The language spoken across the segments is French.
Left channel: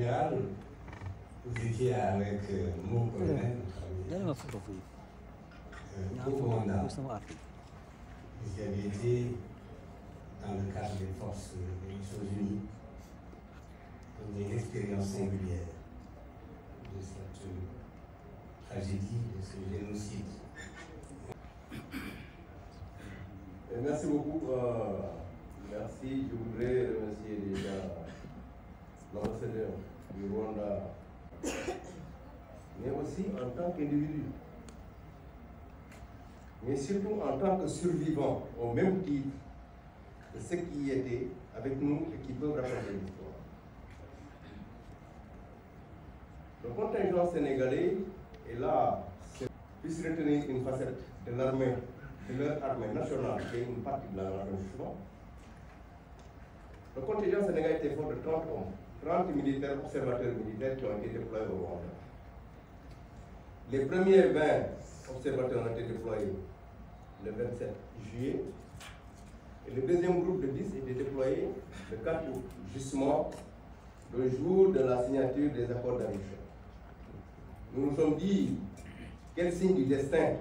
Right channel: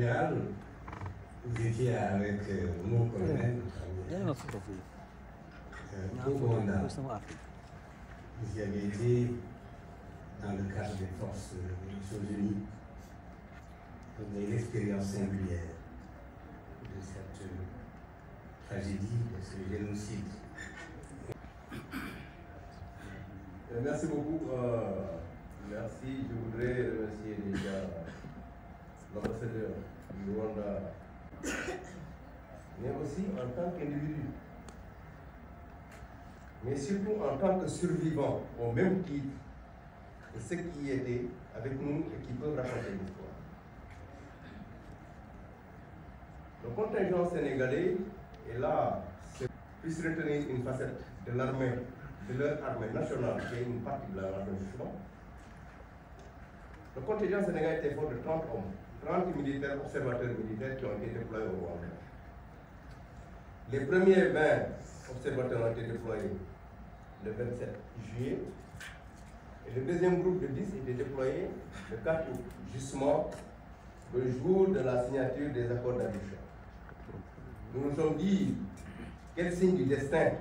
général, vous étiez avec mon colonel, au Rwanda. Vous y avez été dans le cadre des forces des Nations Unies. Vous avez une expérience singulière de cette tragédie, de ce génocide. Merci beaucoup. Merci. Je voudrais remercier déjà l'ambassadeur du Rwanda, mais aussi en tant qu'individu, mais surtout en tant que survivant, au même titre que ceux qui étaient avec nous et qui peuvent raconter l'histoire. Le contingent sénégalais est là, puisse retenir une facette de l'armée, de leur armée nationale, qui est une partie de la nation. Le contingent sénégalais était fort de 30 hommes, 30 militaires, observateurs militaires qui ont été déployés au Rwanda. Les premiers 20 observateurs ont été déployés le 27 juillet et le deuxième groupe de 10 était déployé le 4 août, justement le jour de la signature des accords d'Arusha. Nous nous sommes dit, quel signe du destin.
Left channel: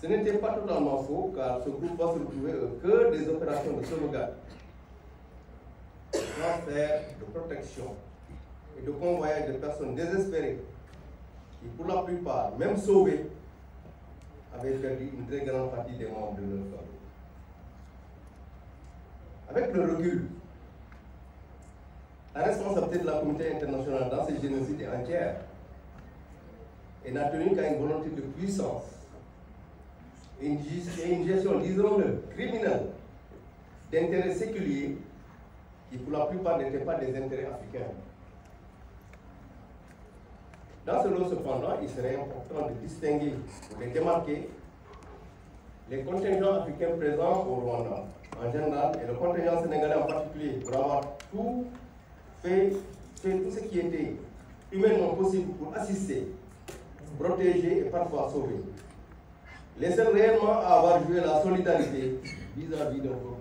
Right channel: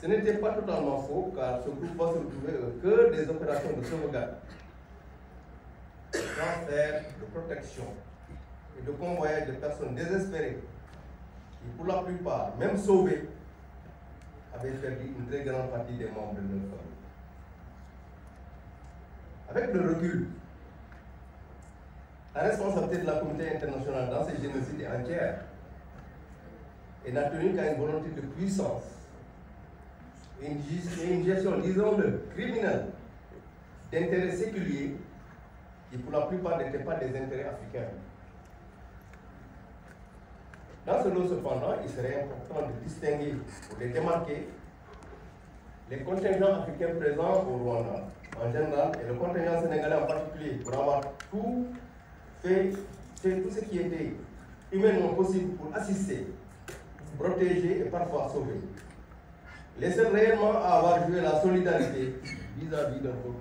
Ce n'était pas totalement faux, car ce groupe va se retrouver au cœur des opérations de sauvegarde, de transfert, de protection et de convoyage de personnes désespérées qui, pour la plupart, même sauvées, avaient perdu une très grande partie des membres de leur famille. Avec le recul, la responsabilité de la communauté internationale dans ces génocides est entière et n'a tenu qu'à une volonté de puissance et une gestion, disons-le, criminelle d'intérêts séculiers qui pour la plupart n'étaient pas des intérêts africains. Dans ce lot cependant, il serait important de distinguer, ou de démarquer, les contingents africains présents au Rwanda en général et le contingent sénégalais en particulier pour avoir tout fait tout ce qui était humainement possible pour assister, protéger et parfois sauver. Les seuls réellement à avoir joué la solidarité vis-à-vis d'un peuple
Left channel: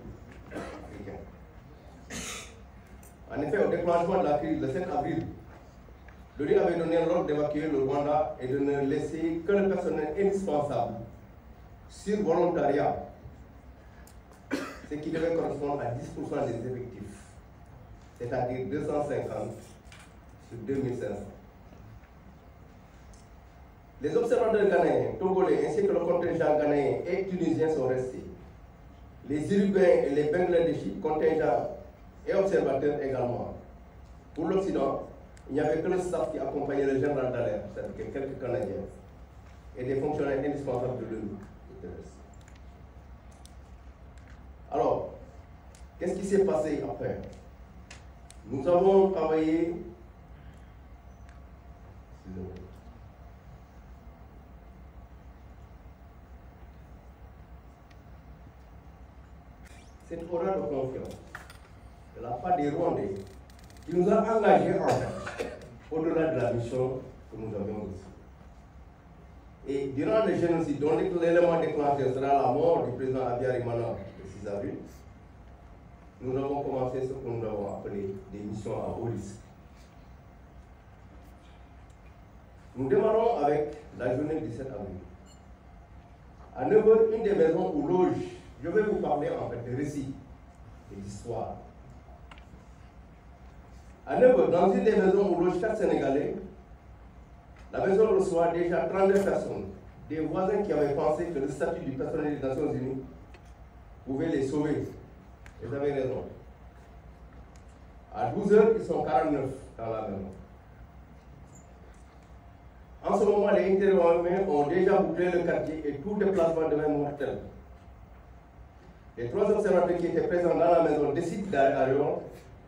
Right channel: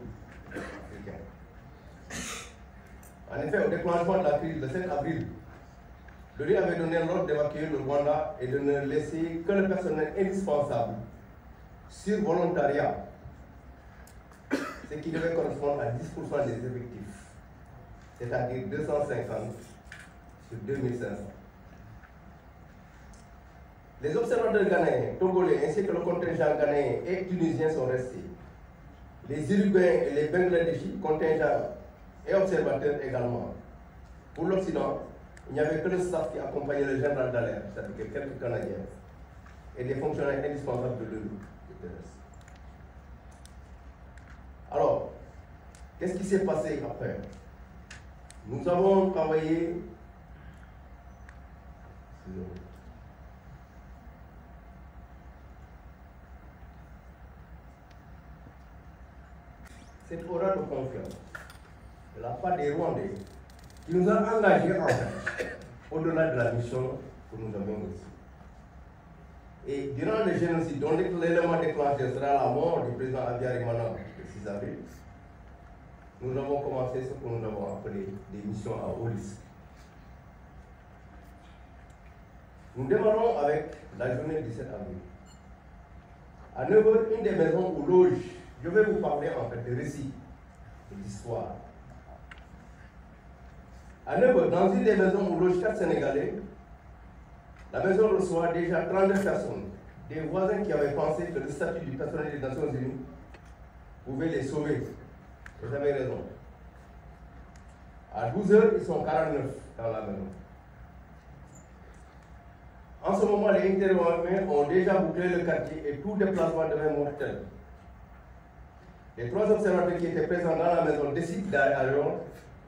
africain. En effet, au déclenchement de la crise le 7 avril, l'ONU avait donné l'ordre d'évacuer le Rwanda et de ne laisser que le personnel indispensable sur volontariat, ce qui devait correspondre à 10% des effectifs, c'est-à-dire 250 sur 2500. Les observateurs ghanéens, togolais ainsi que le contingent ghanéen et tunisien sont restés. Les Uruguayens et les Bangladeshis, contingents et observateurs également. Pour l'Occident, il n'y avait que le staff qui accompagnait le général Dallaire, c'est-à-dire quelques Canadiens, et des fonctionnaires indispensables de l'ONU. Alors, qu'est-ce qui s'est passé après? Nous avons travaillé. Cette aura de confiance de la part des Rwandais qui nous a engagés en fait, au-delà de la mission que nous avions ici. Et durant le génocide, dont l'élément déclencheur sera la mort du président Habyarimana le 6 avril, nous avons commencé ce que nous avons appelé des missions à haut risque. Nous démarrons avec la journée du 7 avril. À 9 h, une des maisons où loge, je vais vous parler en fait de récits et d'histoire. À 9 h, dans une des maisons où loge 4 Sénégalais, la maison reçoit déjà 32 personnes, des voisins qui avaient pensé que le statut du personnel des Nations Unies pouvait les sauver. Vous avez raison. À 12 h, ils sont 49 dans la maison. En ce moment, les intervenants ont déjà bouclé le quartier et tout déplacement devient mortel. Les 3 observateurs qui étaient présents dans la maison décident alors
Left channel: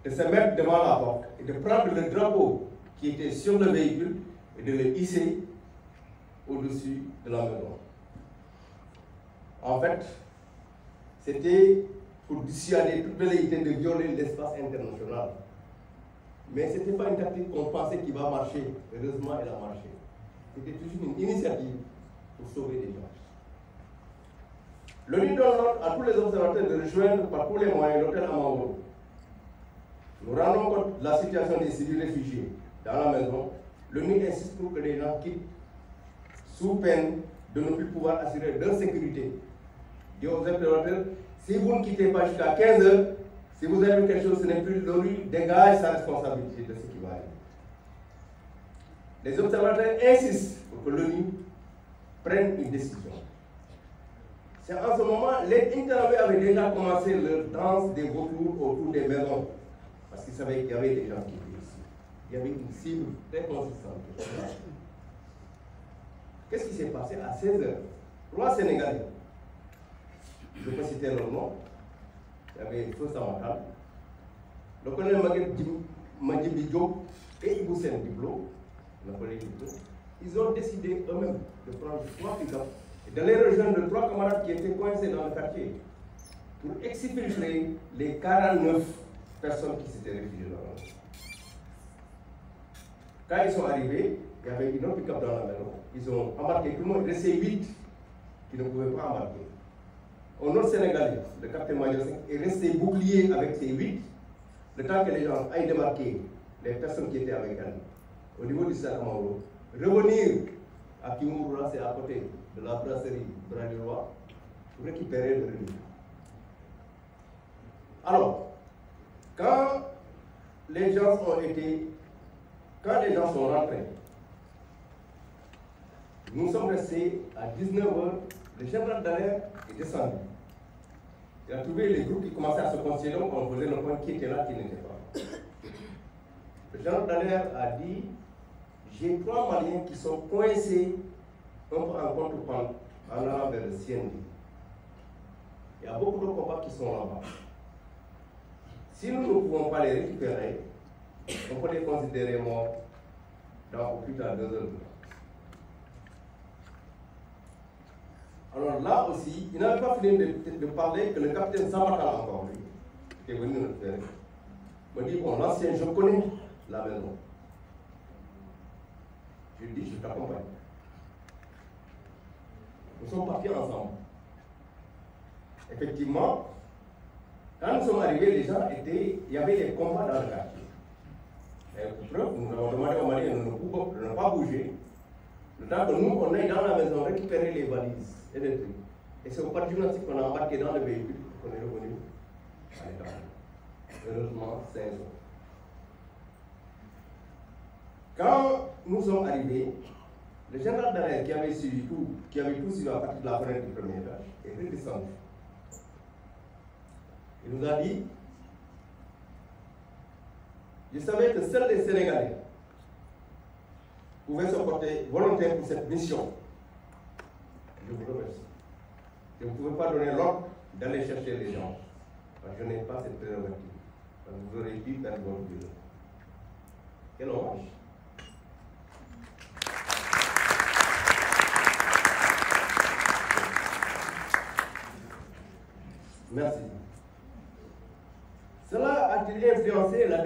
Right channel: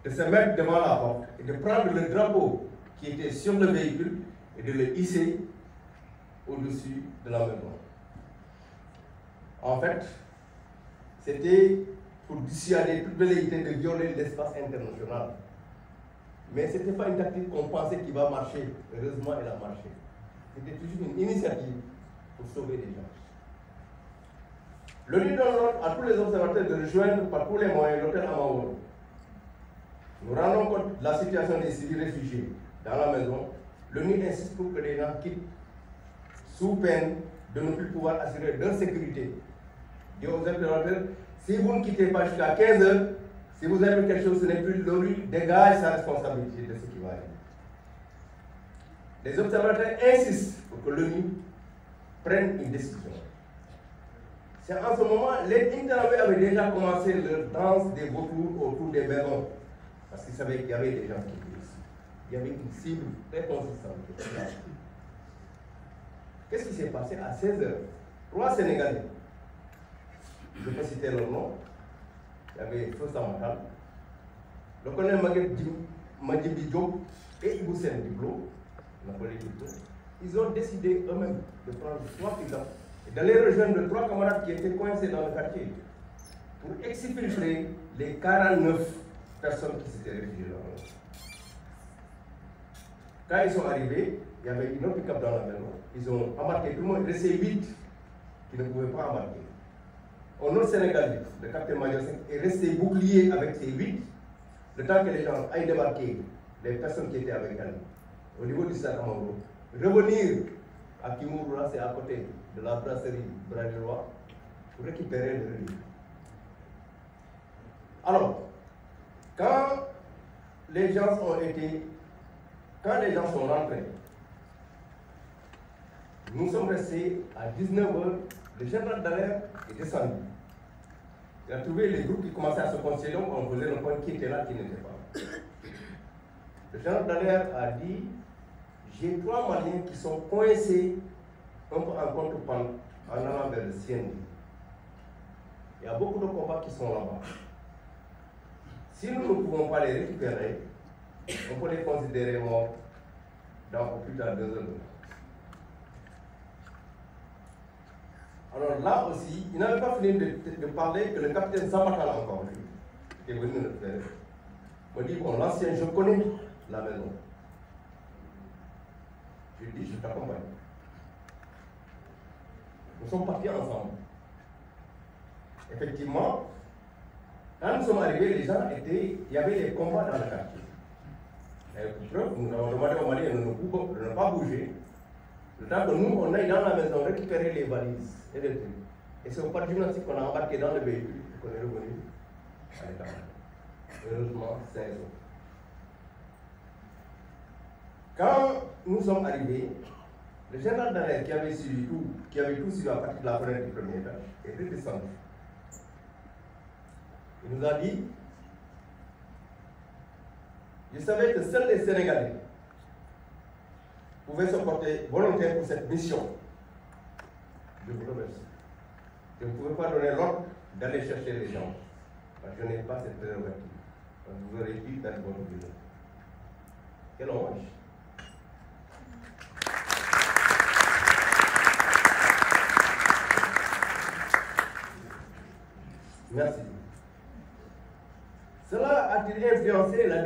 de se mettre devant la porte et de prendre le drapeau qui était sur le véhicule et de le hisser au-dessus de la maison. En fait, c'était pour dissuader toute velléité de violer l'espace international. Mais ce n'était pas une tactique qu'on pensait qui va marcher. Heureusement, elle a marché. C'était toujours une initiative pour sauver des gens. L'ONU donne l'ordre à tous les observateurs de rejoindre par tous les moyens l'hôtel Amahoro. nous rendons compte de la situation des civils réfugiés dans la maison, l'ONU insiste pour que les gens quittent sous peine de ne plus pouvoir assurer leur sécurité. Et aux observateurs, si vous ne quittez pas jusqu'à 15 heures, si vous avez quelque chose, ce n'est plus l'ONU, dégage sa responsabilité de ce qui va arriver. Les observateurs insistent pour que l'ONU prenne une décision. C'est en ce moment, les Internationaux avaient déjà commencé leur danse des vautours autour des maisons, parce qu'ils savaient qu'il y avait des gens qui étaient ici. Il y avait une cible très consistante. Qu'est-ce qui s'est passé à 16 h? 3 Sénégalais, je peux citer leur nom, il y avait Feu Samatal, le colonel Madjibi Diop et Iboussen Diblo, ils ont décidé eux-mêmes de prendre 3 pick-up et d'aller rejoindre 3 camarades qui étaient coincés dans le quartier pour exfiltrer les 49 personnes qui s'étaient réfugiées dans la maison. Quand ils sont arrivés, il y avait une autre pick-up dans la maison. Ils ont embarqué tout le monde, il restait 8 qui ne pouvaient pas embarquer. Au nord sénégalais, le capitaine Major est resté bouclier avec ses 8, le temps que les gens aillent débarquer, les personnes qui étaient avec elles, au niveau du Sakamoro, revenir à Kimouroula, c'est à côté de la brasserie Bradelois, pour récupérer le relief. Alors, quand les gens sont rentrés, nous sommes restés à 19 h, le général Dallaire est descendu. Il a trouvé les groupes qui commençaient à se constituer, donc on faisait le point qui était là, qui n'était pas. Le général Dallaire a dit, j'ai 3 Maliens qui sont coincés un peu en contre-pente en allant vers le CND. Il y a beaucoup de combats qui sont là-bas. Si nous ne pouvons pas les récupérer, on peut les considérer morts dans au plus tard 2 heures. Alors là aussi, il n'avait pas fini de parler que le capitaine Samatal encore, lui, qui est venu le faire, me dit, bon, l'ancien, je connais la maison. Je lui dis, je t'accompagne. Nous sommes partis ensemble. Effectivement, quand nous sommes arrivés, les gens étaient, il y avait des combats dans le quartier. Et pour preuve, nous avons demandé aux Maliens de ne pas bouger. Le temps que nous, on aille dans la maison récupérer les valises et les trucs. Et c'est au pas de gymnastique qu'on a embarqué dans le véhicule et qu'on est revenu à l'état. Heureusement, 5 jours. Quand nous sommes arrivés, le général Dallaire qui avait suivi tout, qui avait tout suivi à partir de la fenêtre du premier étage, est redescendu. Il nous a dit, je savais que seuls les Sénégalais pouvaient se porter volontaires pour cette mission. Je vous remercie. Je ne pouvais pas donner l'ordre d'aller chercher les gens. Parce que je n'ai pas cette prérogative. Vous aurez pu perdre votre vie. Quel hommage. Merci. Cela a-t-il influencé la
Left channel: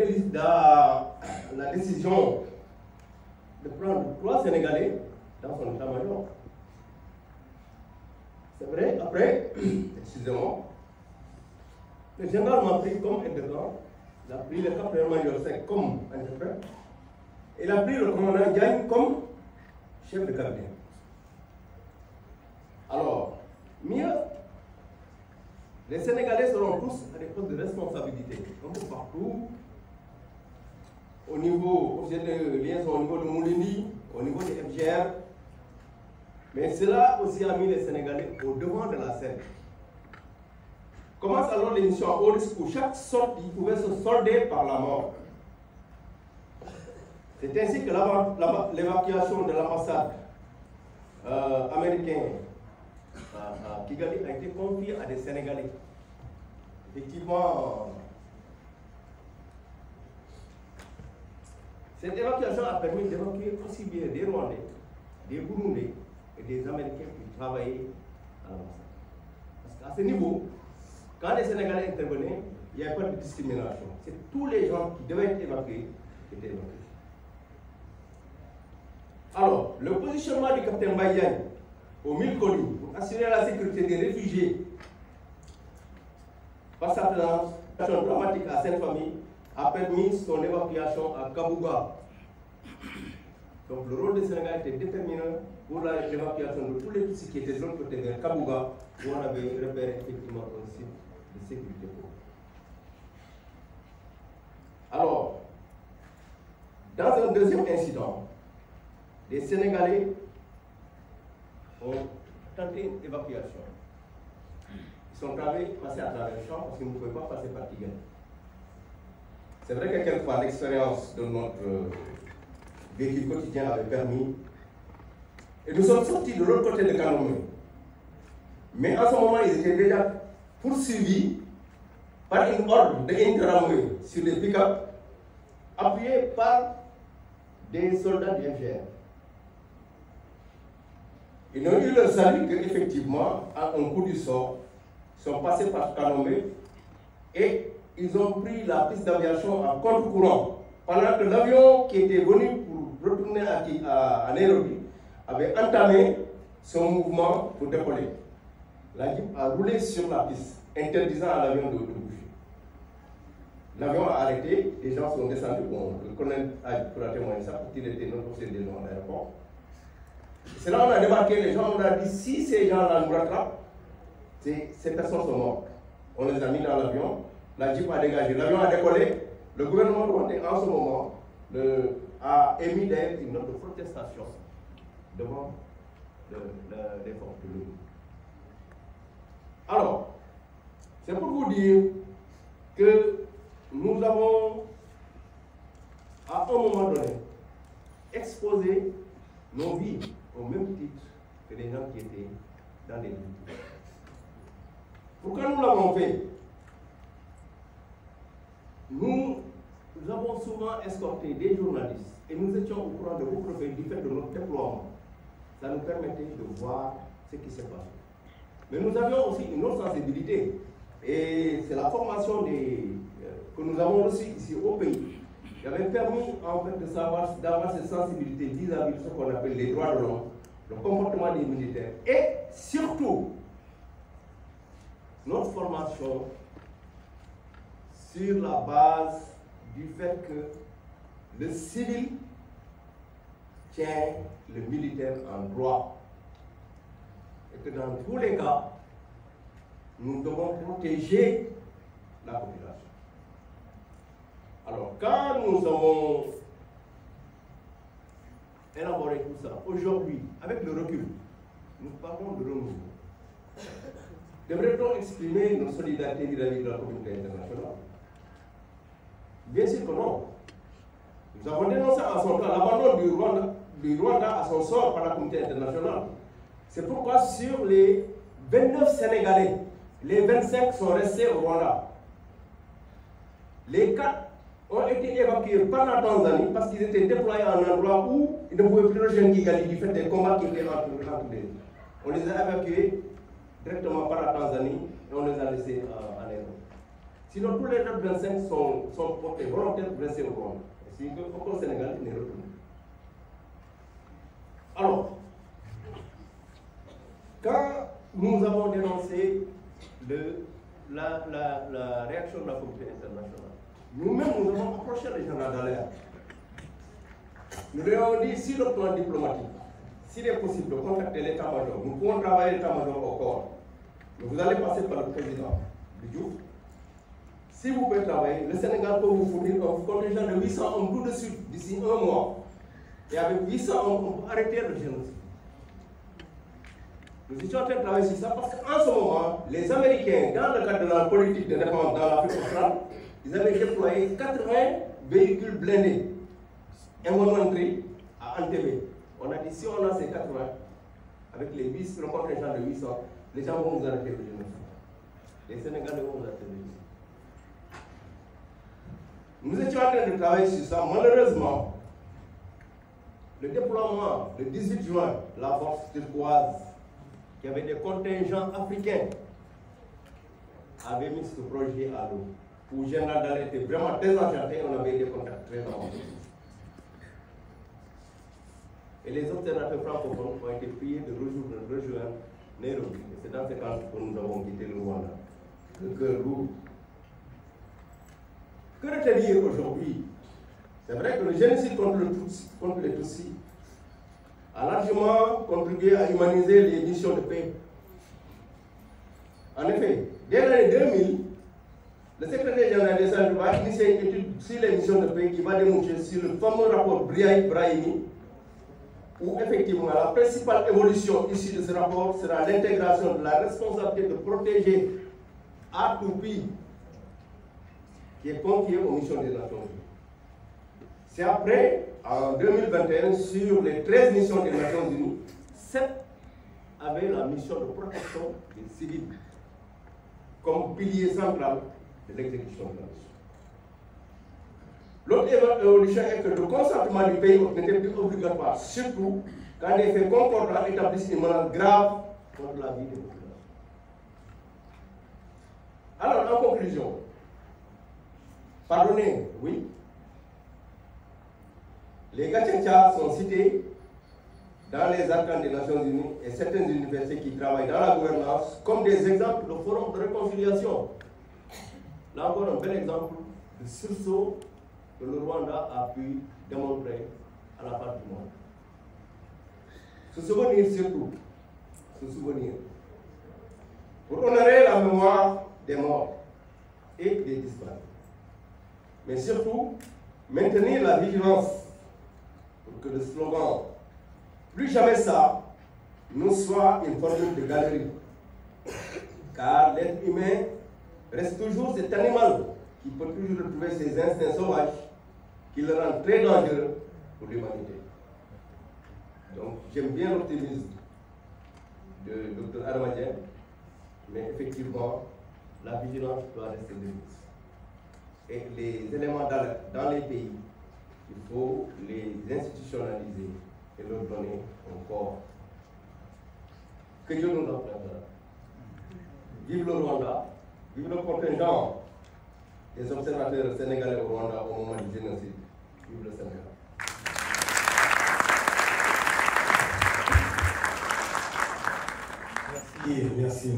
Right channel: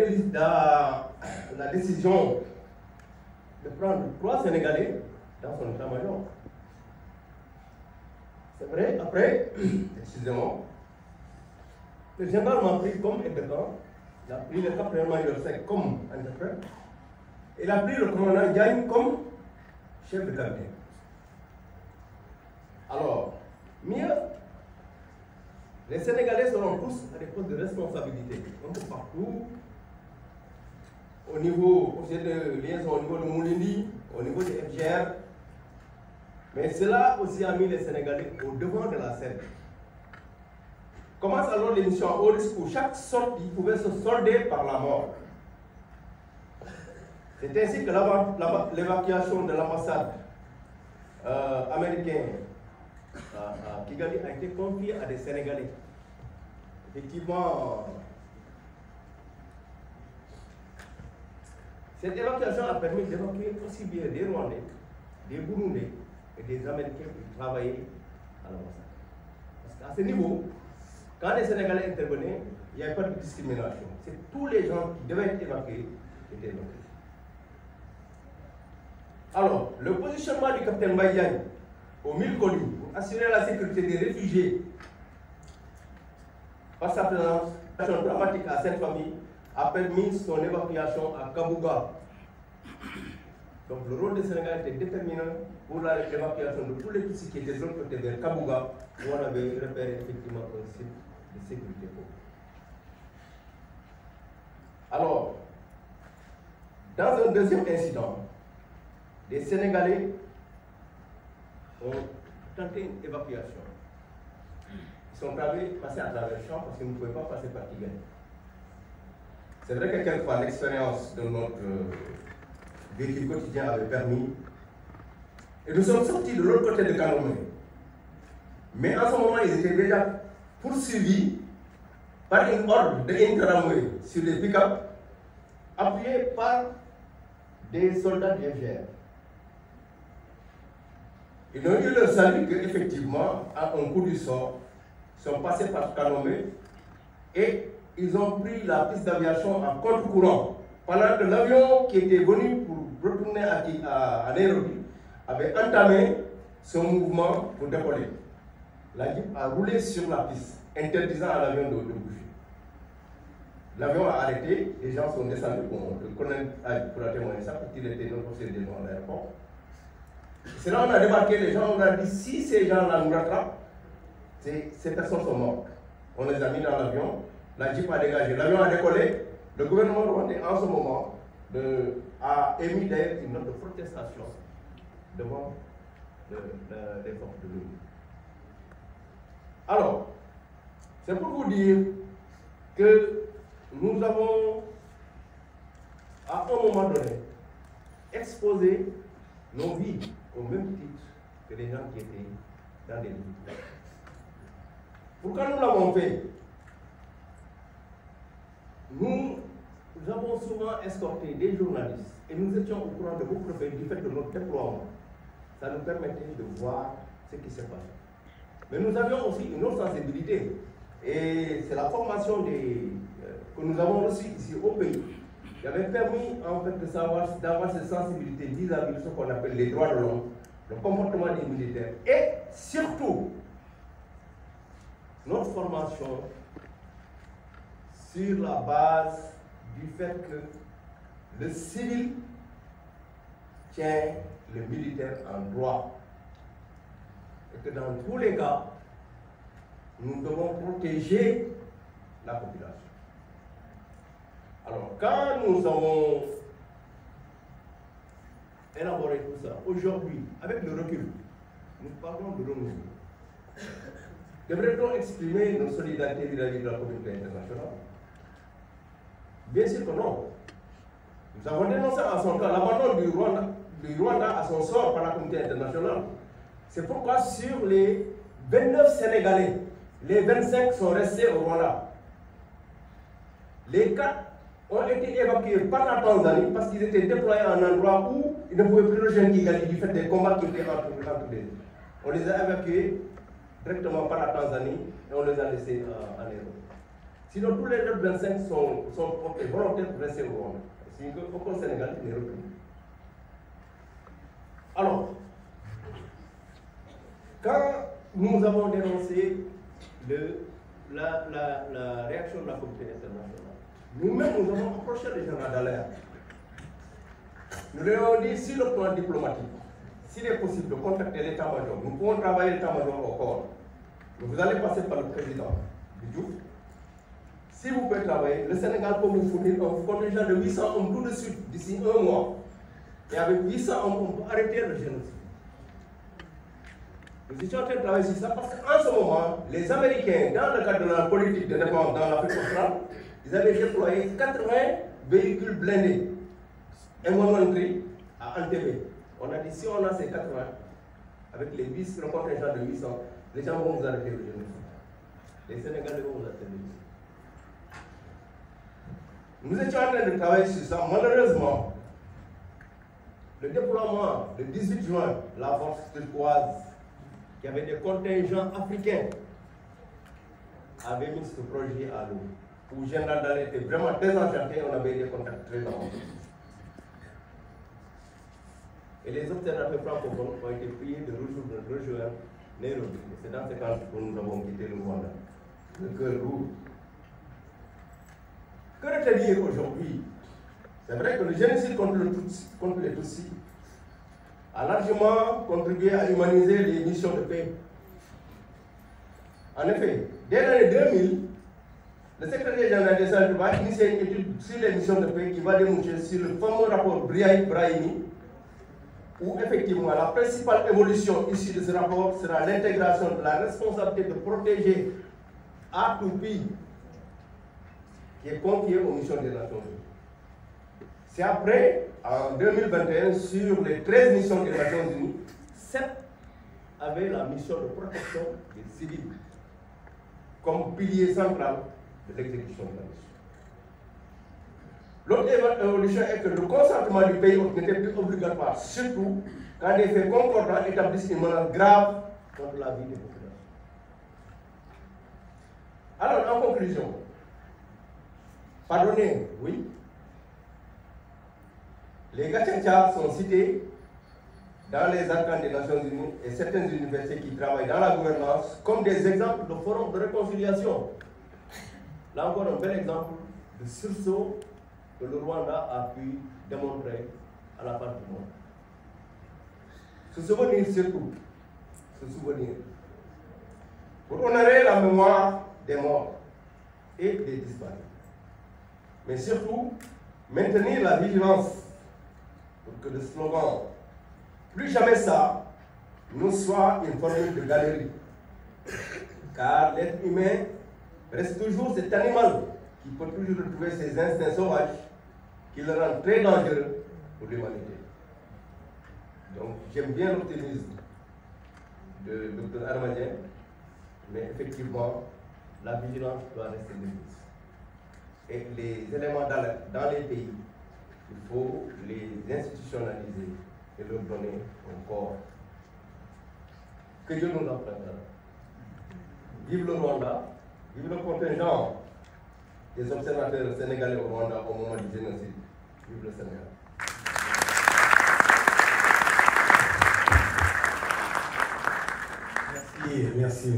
décision de prendre 3 Sénégalais dans son état-major? C'est vrai, après, excusez-moi, le général m'a pris comme interprète, il a pris le capitaine-major Seck comme interprète, et il a pris le commandant Diagne comme chef de cabinet. Alors, mieux, les Sénégalais seront tous à des postes de responsabilité, un peu partout, au niveau de liaison, au niveau de Moulini, au niveau de FGR. Mais cela aussi a mis les Sénégalais au devant de la scène. Commence alors l'émission à haut risque où chaque sortie pouvait se solder par la mort. C'est ainsi que l'évacuation de l'ambassade américaine à Kigali a été confiée à des Sénégalais. Effectivement, cette évacuation a permis d'évacuer aussi bien des Rwandais, des Burundais et des Américains qui travaillaient à l'ambassade. Parce qu'à ce niveau, quand les Sénégalais intervenaient, il n'y avait pas de discrimination. C'est tous les gens qui devaient être évacués qui étaient évacués. Alors, le positionnement du capitaine Baïdiagne au Mille Collines pour assurer la sécurité des réfugiés par sa présence dramatique à cette famille a permis son évacuation à Kabouga. Donc le rôle du Sénégal était déterminant pour l'évacuation de tous les Tutsis qui étaient de l'autre côté vers Kabouga, où on avait repéré effectivement un site de sécurité. Alors, dans un deuxième incident, les Sénégalais ont tenté une évacuation. Ils sont passés à travers le champ parce qu'ils ne pouvaient pas passer par Tigane. C'est vrai que quelquefois l'expérience de notre véhicule quotidien avait permis. Et nous sommes sortis de l'autre côté de Kalomé. Mais en ce moment, ils étaient déjà poursuivis par une horde de Nkramoué sur des pick-up, appuyés par des soldats du FGR. Ils ont eu le salut qu'effectivement, à un coup du sort, sont passés par Kalomé et ils ont pris la piste d'aviation à contre-courant. Pendant que l'avion qui était venu pour retourner à Nairobi avait entamé son mouvement pour décoller. La Jeep a roulé sur la piste, interdisant à l'avion de bouger. L'avion a arrêté, les gens sont descendus. Bon, le colonel a témoigné ça parce qu'il était notre officier de l'aéroport. C'est là qu'on a débarqué, les gens, on a dit si ces gens-là nous rattrapent, ces personnes sont mortes. On les a mis dans l'avion, la Jeep a dégagé, l'avion a décollé. Le gouvernement rwandais, en ce moment, a émis d'ailleurs une note de protestation devant les forces de l'ONU. Alors, c'est pour vous dire que nous avons, à un moment donné, exposé nos vies au même titre que les gens qui étaient dans les villes. Pourquoi nous l'avons fait? Nous avons souvent escorté des journalistes et nous étions au courant de vos profils du fait de notre déploiement. Ça nous permettait de voir ce qui s'est passé. Mais nous avions aussi une autre sensibilité et c'est la formation que nous avons reçue ici au pays qui avait permis en fait d'avoir cette sensibilité vis-à-vis de ce qu'on appelle les droits de l'homme, le comportement des militaires et surtout notre formation sur la base du fait que le civil tient le militaire en droit et que dans tous les cas, nous devons protéger la population. Alors, quand nous avons élaboré tout ça, aujourd'hui, avec le recul, nous parlons de renouveau. Devrait-on exprimer notre solidarité vis-à-vis de la communauté internationale? Bien sûr que non. Nous avons dénoncé à son temps l'abandon du Rwanda à son sort par la communauté internationale. C'est pourquoi sur les 29 Sénégalais, les 25 sont restés au Rwanda. Les 4 ont été évacués par la Tanzanie parce qu'ils étaient déployés à un endroit où ils ne pouvaient plus rejoindre Kigali du fait des combats qui étaient entre les deux. On les a évacués directement par la Tanzanie et on les a laissés en Nairobi. Sinon, tous les autres 25 sont portés volontaires pour rester au Rwanda. C'est qu'au Sénégal, ils n'est retourné. Alors, quand nous avons dénoncé la réaction de la communauté internationale, nous-mêmes, nous avons approché les gens d'alerte. Nous leur avons dit, si le plan diplomatique, s'il est possible de contacter l'état-major, nous pouvons travailler l'état-major au corps. Mais vous allez passer par le président du Diouf. Si vous pouvez travailler, le Sénégal peut vous fournir un contingent de 800 hommes tout de suite, d'ici un mois. Et avec 800 hommes, on peut arrêter le génocide. Nous étions en train de travailler sur ça parce qu'en ce moment, les Américains, dans le cadre de la politique de défense dans l'Afrique australe, ils avaient déployé 80 véhicules blindés, M113 à Entebbe. On a dit si on a ces 80, avec le contingent de 800, les gens vont nous arrêter le génocide. Les Sénégalais vont nous arrêter le génocide. Nous étions en train de travailler sur ça. Malheureusement, le déploiement le 18 juin, la force turquoise, qui avait des contingents africains, avait mis ce projet à l'eau. Où Général Dallaire était vraiment désenchanté, on avait des contacts très importants. Et les observateurs francophones ont été priés de rejoindre Nairobi. Et c'est dans ces cas que nous avons quitté le Rwanda, le cœur lourd. Que retenir aujourd'hui? C'est vrai que le génocide contre les Tutsis a largement contribué à humaniser les missions de paix. En effet, dès l'année 2000, le secrétaire général des Nations Unies va initier une étude sur les missions de paix qui va déboucher sur le fameux rapport Brahimi, où effectivement la principale évolution issue de ce rapport sera l'intégration de la responsabilité de protéger à tout pays qui est confiée aux missions des Nations Unies. C'est après, en 2021, sur les 13 missions des Nations Unies, 7 avaient la mission de protection des civils comme pilier central de l'exécution de la mission. L'autre évolution est que le consentement du pays n'était plus obligatoire, surtout quand des faits concordants établissent une menace grave contre la vie des populations. Alors, en conclusion, pardonnez, oui, les Gatchencha sont cités dans les arcanes des Nations Unies et certaines universités qui travaillent dans la gouvernance comme des exemples de forums de réconciliation. Là encore, un bel exemple de sursaut que le Rwanda a pu démontrer à la face du monde. Se souvenir surtout, se souvenir, pour honorer la mémoire des morts et des disparus. Mais surtout, maintenir la vigilance pour que le slogan « Plus jamais ça » nous soit une formule de galerie. Car l'être humain reste toujours cet animal qui peut toujours retrouver ses instincts sauvages qui le rendent très dangereux pour l'humanité. Donc j'aime bien l'optimisme de Dr Armadien, mais effectivement, la vigilance doit rester de mise. Et les éléments d'alerte dans les pays, il faut les institutionnaliser et leur donner un corps. Que Dieu nous en prenne. Vive le Rwanda, vive le contingent des observateurs sénégalais au Rwanda au moment du génocide. Vive le Sénégal. Merci, merci.